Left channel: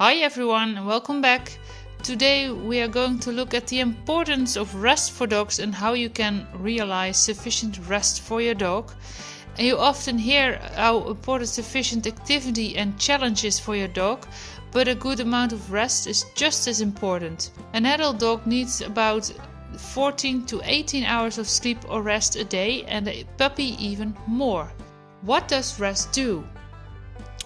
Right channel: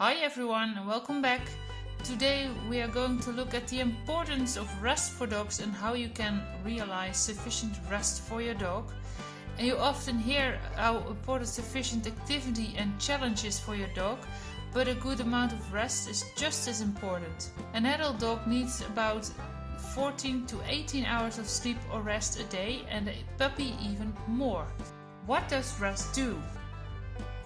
Hi everyone, and welcome back. Today we are going to look at the importance of rest for dogs and how you can realize sufficient rest for your dog. And you often hear how important sufficient activity and challenge is for your dog, but a good amount of rest is just as important. An adult dog needs about 14 to 18 hours of sleep or rest a day, and a puppy even more. What does rest do?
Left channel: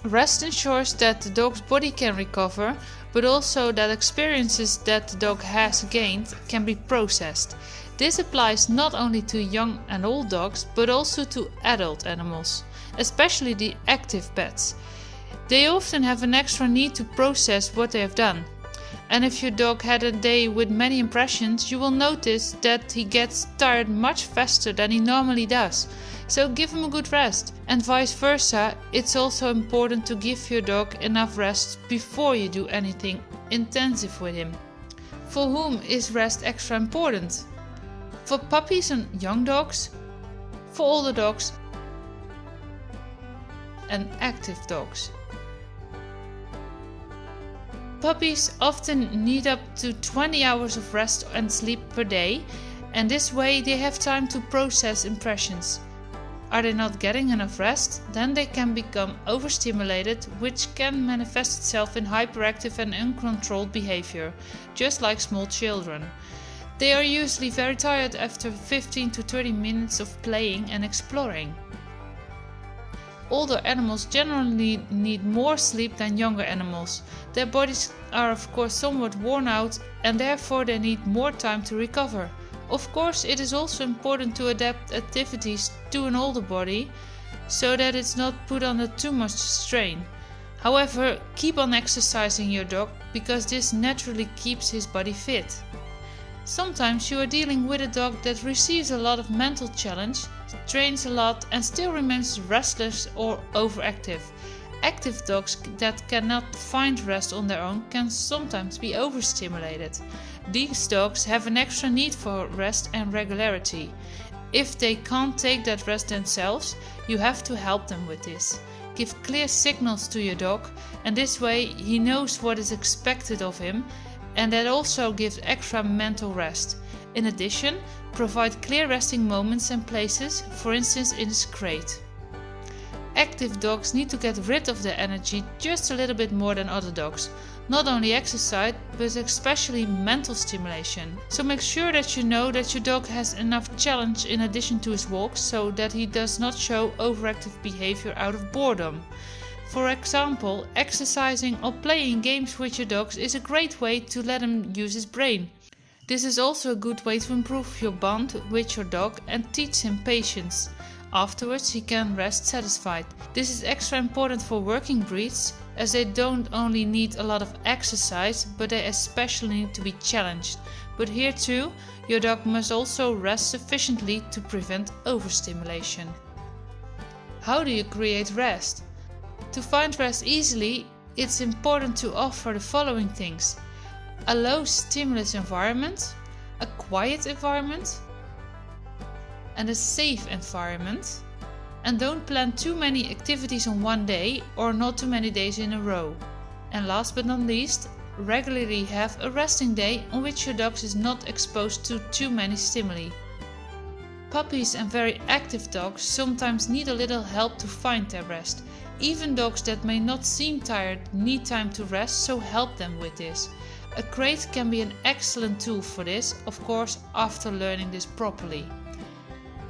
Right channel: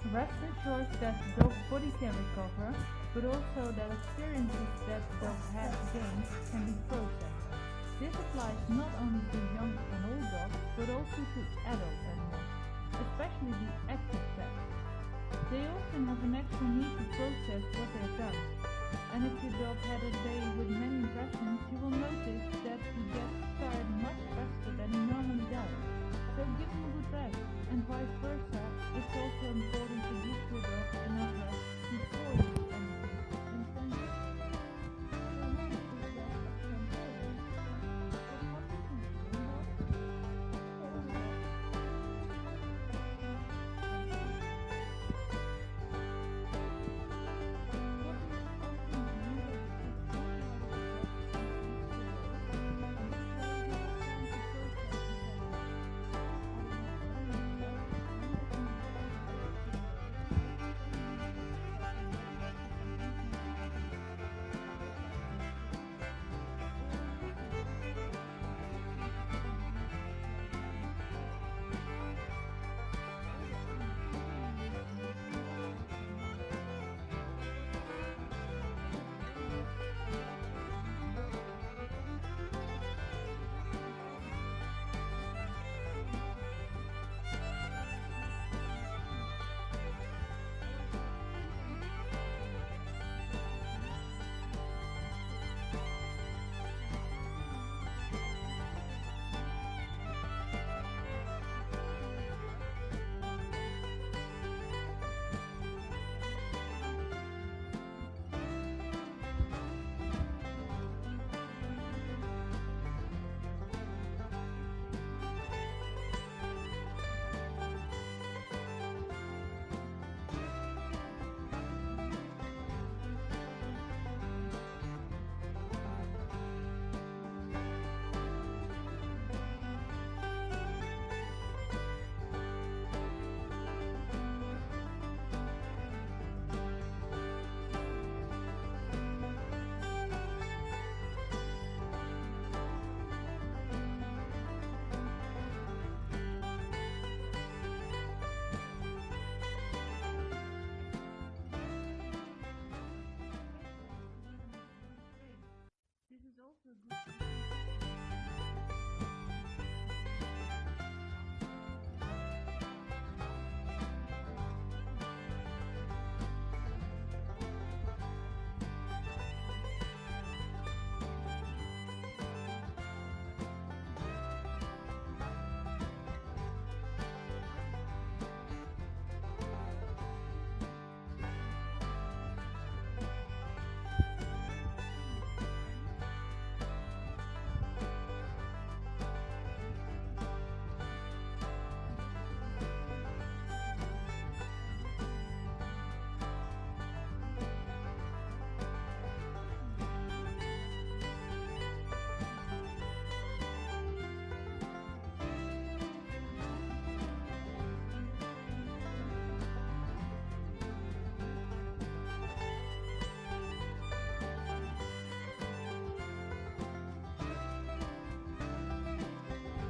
Rest ensures that the dog's body can recover, but also that experiences that the dog has gained can be processed. This applies not only to young and old dogs, but also to adult animals, especially the active pets. They often have an extra need to process what they have done. And if your dog had a day with many impressions, you will notice that he gets tired much faster than he normally does. So give him a good rest. And vice versa, it's also important to give your dog enough rest before you do anything intensive with him. For whom is rest extra important? For puppies and young dogs, for older dogs, and active dogs. Puppies often need up to 20 hours of rest and sleep per day, and this way they have time to process impressions. Are they not getting enough rest? Then they can become overstimulated, which can manifest itself in hyperactive and uncontrolled behavior, just like small children. They are usually very tired after 15 to 30 minutes of playing and exploring. Older animals generally need more sleep than younger animals. Their bodies are of course somewhat worn out and therefore they need more time to recover. Of course, it is also important to adapt activities to an older body so that it's not put under too much strain. However, keep on exercising your dog because this naturally keeps his body fit. Sometimes you are dealing with a dog that receives a lot of mental challenge, trains a lot and still remains restless or overactive. Active dogs that cannot find rest on their own can sometimes be overstimulated. These dogs have an extra need for rest and regularity. If they can't take that rest themselves, you have to help them with this. Give clear signals to your dog, and this way he knows what is expected of him, and that also gives extra mental rest. In addition, provide clear resting moments and places, for instance in his crate. Active dogs need to get rid of their energy just a little bit more than other dogs. Not only exercise, but especially mental stimulation. So make sure that you know that your dog has enough challenge in addition to his walks, so that he does not show overactive behavior out of boredom. For example, exercising or playing games with your dogs is a great way to let him use his brain. This is also a good way to improve your bond with your dog and teach him patience. Afterwards, he can rest satisfied. This is extra important for working breeds, as they don't only need a lot of exercise, but they especially need to be challenged. But here too, your dog must also rest sufficiently to prevent overstimulation. How do you create rest? To find rest easily, it's important to offer the following things: a low stimulus environment, a quiet environment, and a safe environment. And don't plan too many activities on one day or not too many days in a row. And last but not least, regularly have a resting day on which your dog is not exposed to too many stimuli. Puppies and very active dogs sometimes need a little help to find their rest. Even dogs that may not seem tired need time to rest, so help them with this. A crate can be an excellent tool for this, of course after learning this properly.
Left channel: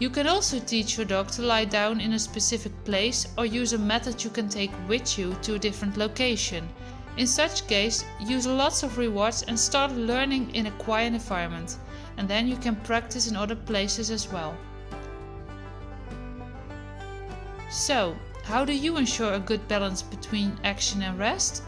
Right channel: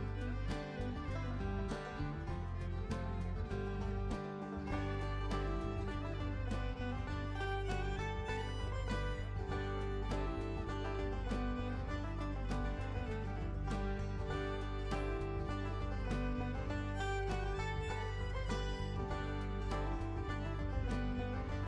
You can also teach your dog to lie down in a specific place or use a method you can take with you to a different location. In such case, use lots of rewards and start learning in a quiet environment, and then you can practice in other places as well. So, how do you ensure a good balance between action and rest?